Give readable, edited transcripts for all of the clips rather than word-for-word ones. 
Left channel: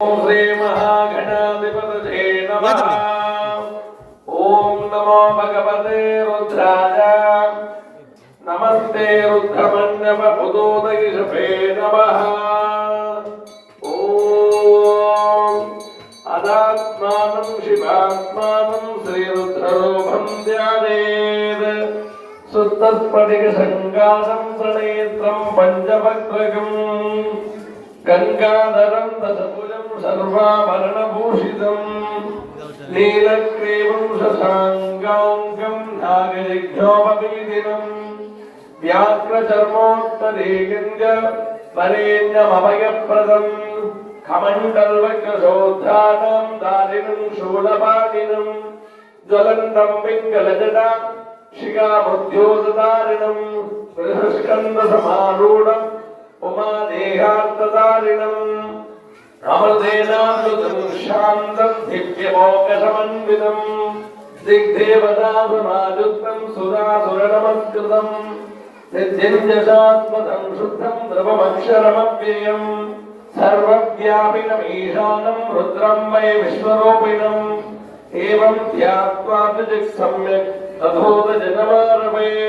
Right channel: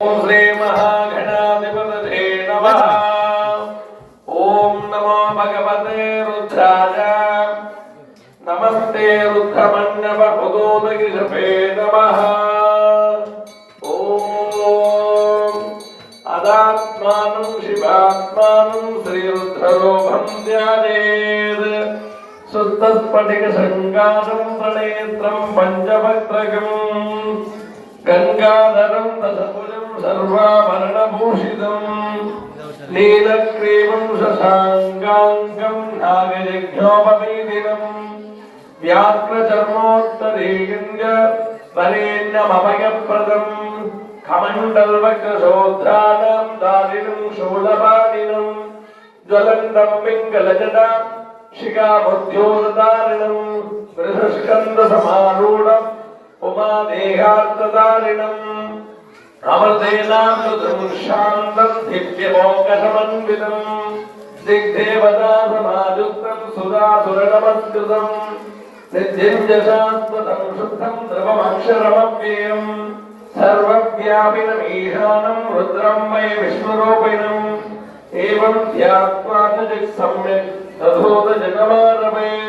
ओम श्री महागणाधिपतये नमः। ओम नमो भगवते रुद्राय। नमस्ते रुद्रमण्डप उदोदगिरिषभे नमः। ओम अदात्मानं शिवात्मानं श्रीरुद्ररूपं ध्यायेत्। शुद्धस्फटिकशृङ्गारं प्रणेत्रं पञ्चवक्त्रकम् गंगाधरं दशभुजं सर्वाभरणभूषितं नीलग्रीवं शशाङ्काङ्कं नागयज्ञोपवीदिनं व्याघ्रचर्मोत्तरीयञ्च वरेण्यमभयप्रदं कमण्डलवक्रशोद्धानं दारिणं शूलपाणिनं ज्वलन्तं पिङ्गलजटा शिखाबुद्ध्योदधारिणं वृषस्कन्धसमारूढम् उमादेहार्तदारिणम् अमृतेनामृतं शान्तं दिव्यमोकसमन्वितं दिग्देवतासमायुक्तं सुरासुरनमस्कृतं नित्यं च शाश्वतं शुद्धं द्रवमक्षरमव्ययं सर्वव्यापिनमीशानं रुद्रं वै विष्णुरूपिणम् एवं ध्यात्वा च सम्यक् तथोदजनमारभेत्।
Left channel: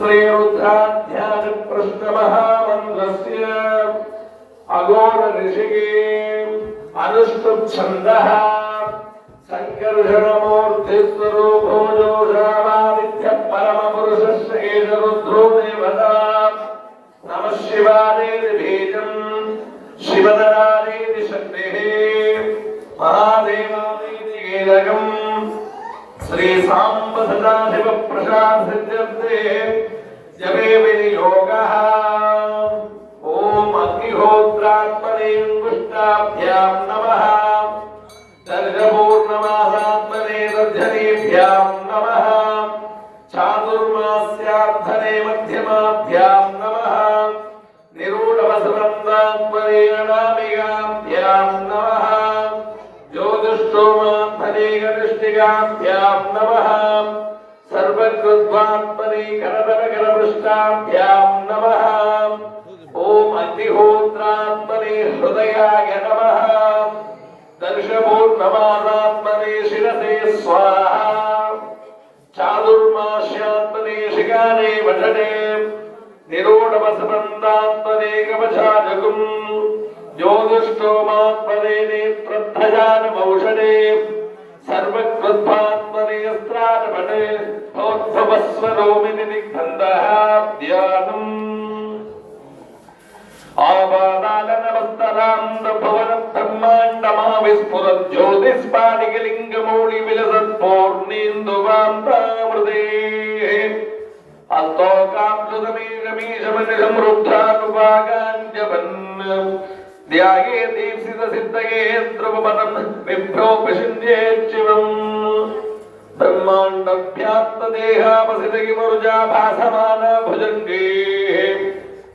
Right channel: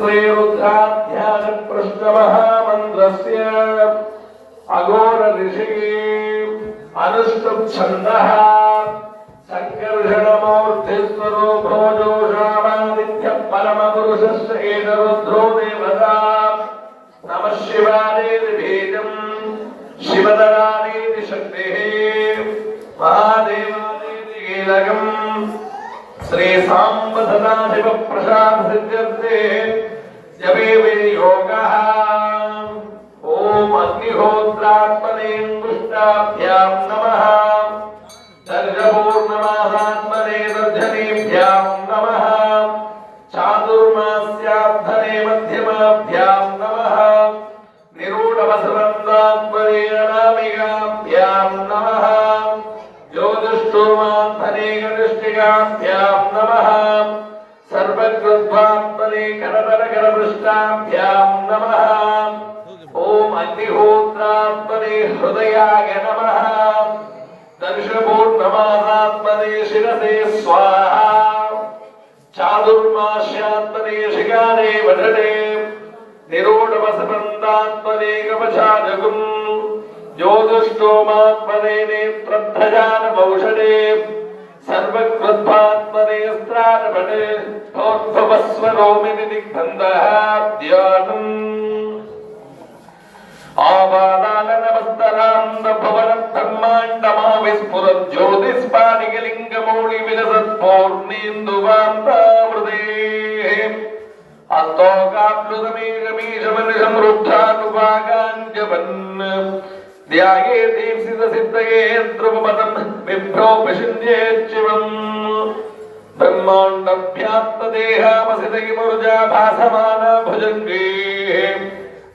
श्रीरुद्राध्यानप्रश्नमहामन्त्रस्य अघोर ऋषिः अनुष्टुप् छन्दः सङ्कर्षणमूर्तिस्वरूपो जोषामादित्यः परमपुरुषस्य एष रुद्रो देवता। नमः शिवायेति बीजम् शिवतरादेति शक्तिः महादेवादेति कीलकम् श्री सांब सदाशिव प्रसाद सिद्ध्यर्थे जपे विनियोगः। ओम अग्निहोत्रात्मने अंगुष्ठाभ्यां नमः। दर्शपूर्णमासात्मने दर्शनेभ्यां नमः। चातुर्मास्याब्धने मध्यमाभ्यां नमः। निरूढवसवन्दात्मने अनामिकाभ्यां नमः। ज्योतिष्ठोमात्मने कनिष्ठिकाभ्यां नमः। सर्वकृत्वात्मने करतरकरपृष्ठाभ्यां नमः। ओम अग्निहोत्रात्मने हृदयाय नमः। दर्शपूर्णमासात्मने शिरसे स्वाहा। चातुर्मास्यात्मने शिखारे वषटे निरूढवसवन्दात्मने कवचाजगुम् ज्योतिष्ठोमात्मने नेत्रध्वजानमौषधे सर्वकृत्वात्मने अस्त्राणपटे तोद्भवस्वरोमिति दिग्बन्धः ध्यानम्। आवादाननमस्तरान्दभुवनं ब्रह्माण्डमाविस्फुरत् ज्योतिष्पादिकलिङ्गमौलिविलसत्पूर्णेन्दुवान्तामृतेः अस्तोकाप्लुतमीशमीशमनिशमृद्धानुभागाञ्जपन् ध्याये दीप्सितसिद्धये ध्रुवपदं बिभ्रोपशिञ्जेच्छिवम्। ब्रह्माण्डव्याप्तदेहावसितैर्मरुजा भासमाना भुजङ्गैः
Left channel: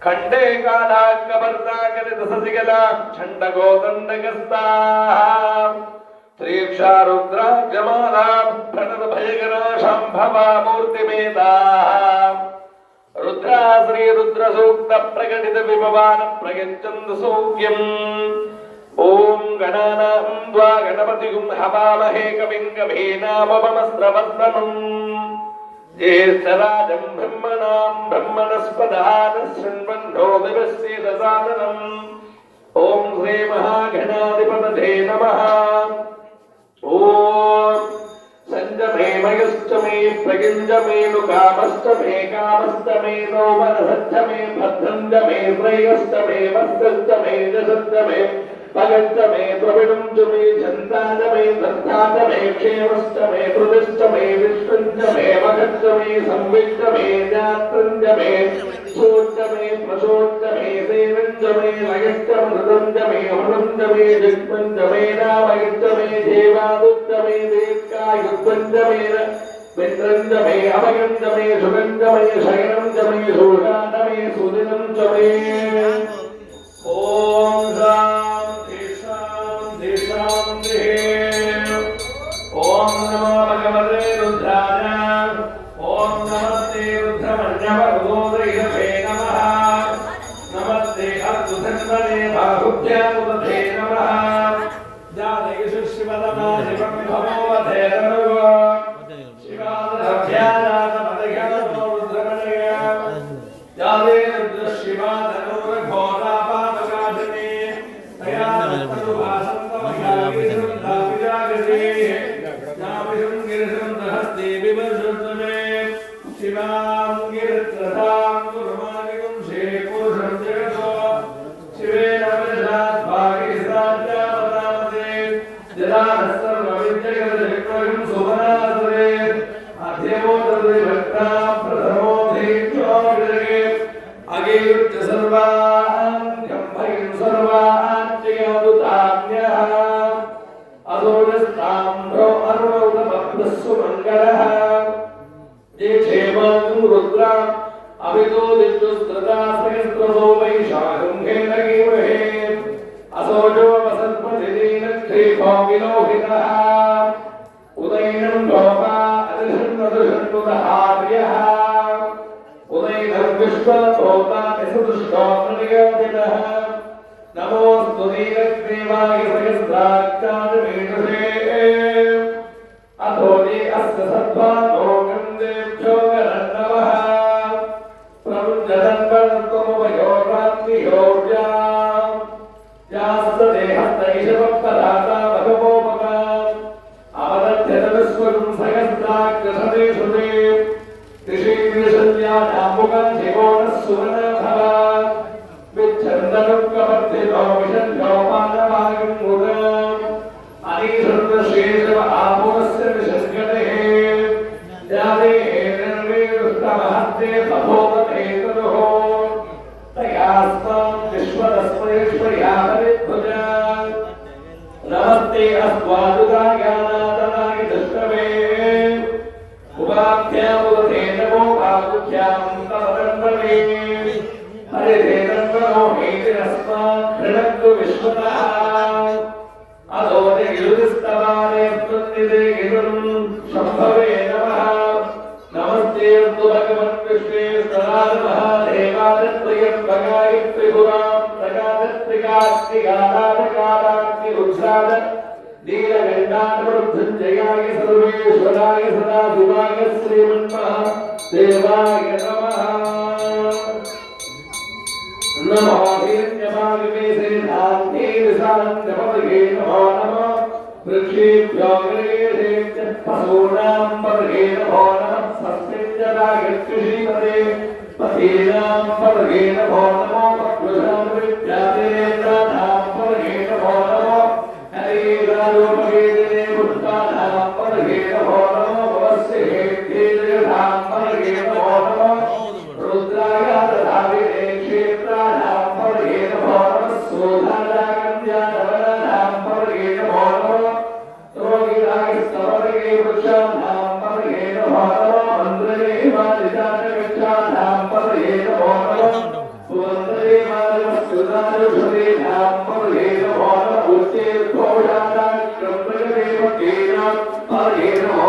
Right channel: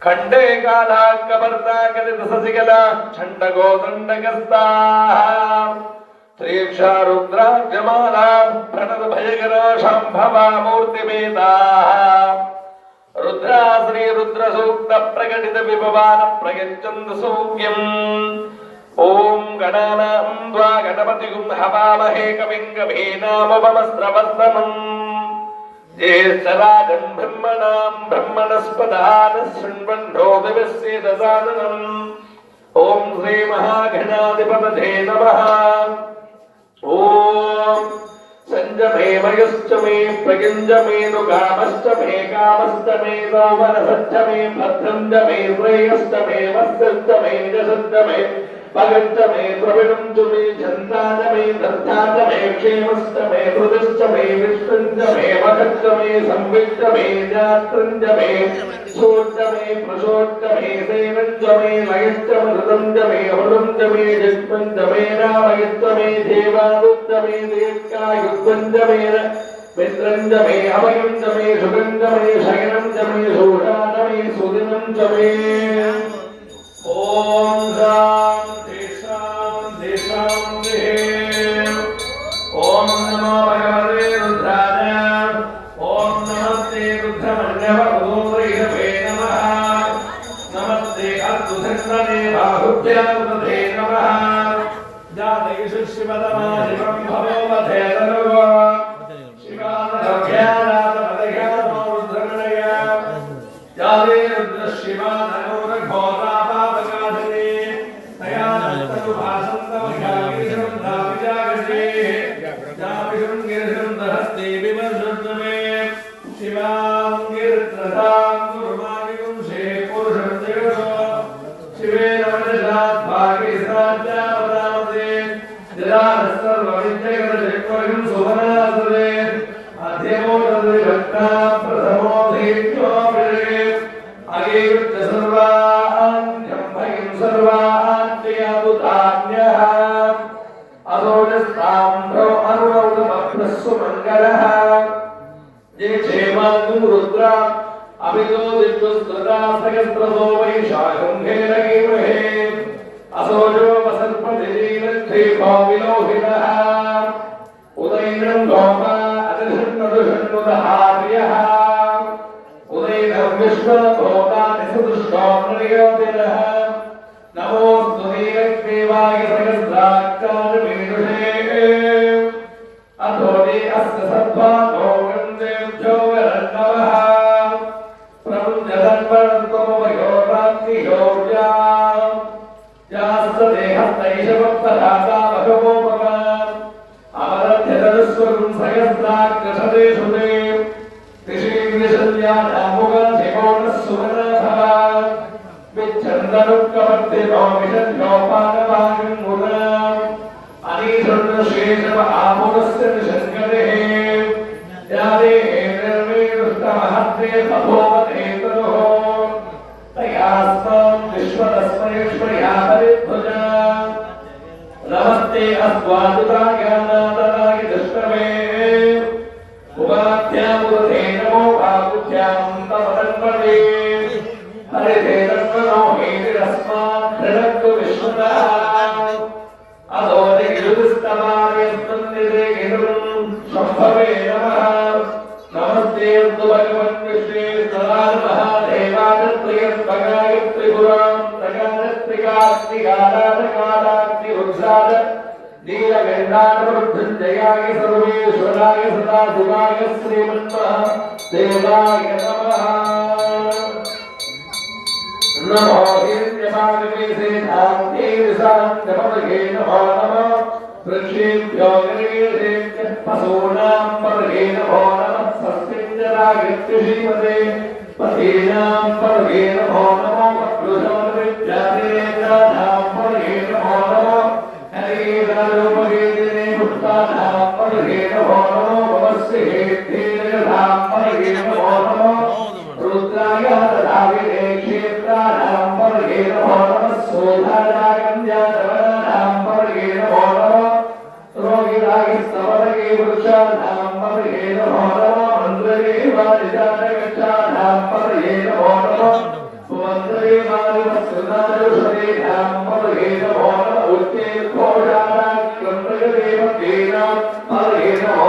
खण्डे कालाङ्गपर्दाकलितससिकला छण्डगोदण्डकस्ताः श्रीक्षा रुद्राजमाला प्रणतभयकरा शाम्भवा मूर्तिमेताः रुद्रा श्री रुद्र सूक्त प्रकटित विभवान प्रगच्छन्तु सौख्यम्। ओम गणानां द्वा गणपतिगुं हवामहे कविं कवीनामुपमस्रवस्तमम्। ज्येष्ठराजं ब्रह्मणां ब्रह्मणस्पदान शृण्वन्नो दिवस्येदसादनम्। ओम श्री महागणाधिपतये नमः। ओम संजमे मयश्च मे प्रयुञ्ज मे दुकामश्च मे कामश्च मे सौमनसश्च मे भद्रं च मे श्रेयश्च मे वत्सश्च मे यशश्च मे भगश्च मे द्रविणं च मे छन्दा च मे दत्ता च मे क्षेमश्च मे कृतिश्च मे विष्णुं च मे वधश्च मे संविष्ट मे जात्रं च मे सोच्च मे प्रसोच्च मे सेनं च मे लयश्च मृतं च मे अमृतं च मे जिष्णं च मे रामयश्च मे देवादुश्च मे दीर्घायुष्वं च मे मित्रं च मे अभयं च मे सुखं च मे शयनं च मे शोषा च मे सुदिनं च मे। ओम शान्ति शान्ति शान्तिः। ओम नमो भगवते रुद्राय। ओम नमस्ते रुद्रमण्डप उदोदगिरिषभे नमः। चन्दने बाहुभ्यामुदधे नमः जातयिषु शिवतमा शिवं भवोवधे तनुः शिवानभ्यानाथमदघानो रुद्रमणया जाते रुद्रशिवा तनोरघोरापापकाधिने तया नस्तनुभासन्तमघाविसुन्धाविजागृते जाविषुं गिरिसुन्दहस्ते विवर्षुद्रमे शिवां गिरित्रधां गुरुमानिकुं शेपुरुषं जगतो शिवेन वनजाद्भागे साध्यापदामते जदानस्सर्वविद्यगतजगत्वयं सुवनासुरे अध्यमोदरे भक्तां प्रथमो धैर्यो विरगे अगेयुच्च सर्वान्यं भयं सर्वान्ययादुतान्यः अदोजस्ताम्भ्रो अरुणौतमप्रस्सु मङ्गलः ये क्षेमागुं रुद्रा अभितो दिग्गुस्त्रता सहस्रतो वैशाखं खेलगीमहे असोजो वसत्पतिलीलक्षेपो विलोहितः उदैनं गोमा अतिषन्नदुषन्नुदहार्यः उदैनं विश्वभोता निसुदुष्टो नृयोजनः नमोऽस्तु नीलग्रीवाय सहस्राक्षादिमेनुषे अथोदे अस्य सद्भानो गन्धेभ्यो गरन्नवः प्रमुञ्जतन्वणत्वमवयोगाग्नियोग्या यास्तदेहस्तैषवपदाता भगवोपमा अवदध्यतनुस्वरं सहस्राक्षसदेषु ते ऋषीग्निशल्यानामुखशिवोनः सुमनाभव विच्छन्दनुक्कवर्तिनो विषण्योपानवागं मुदाम् अनीशुन्द्रशेषव आमुनस्य निषङ्गतेः यादेहेन्द्रमेरुष्टमहस्ते तपोवते तनुः तयास्मां विश्वतस्मैश्वर्या परिभुजा नमस्ते अस्वादुतायानादनाय दुष्टमे उपाख्यामुदते नमो भागुभ्यां तवदन्वने हरिते तन्वनो हेतिरस्मान् धृणक्तु विश्वतः अधोनि गिरुस्तवाने स्तुतिते गिरुं शम्भवे नमः नमस्ते भगवन् विष्णे सदानमः देवानत्रयं त्रिपुरां प्रगानत्रिकास्तिकाराधकाराग्नि उत्साद नीलगण्डानमृत्युञ्जयाय सर्वेश्वराय सदाशिवाय श्रीमन्मः देवाय नमः नमो हिरण्यमालिके धाम्ने विशान्तमपगे नमो नमः वृक्षेभ्यो गिरेभ्य पशूनां पर्गे नमो नमः सस्यञ्जरागत्युषीमते पतीनां पर्गे नमो नमो वक्लुषमृत्यादिनेत्राणां पर्गे नमो नमः हरिरारूपगेदिने पुष्पाणां पर्गे नमो नमो भवस्य हेत्तेजधां पर्गे नमो नमः रुद्राय दधाविने क्षेत्राणां पर्गे नमो नमः सोधारागन्ध्यानवनानां पर्गे नमो नमः रोगिराय स्तवरगे वृक्षाणां पर्गे नमो नमः मन्त्रगे वादिजातगच्छानां पर्गे नमो नमः सुमन्त्रे मारुतसुदारुषदीनां पर्गे नमो नमः उच्चैर्घोषाणां क्रन्दगदेवकीनां पर्गे नमो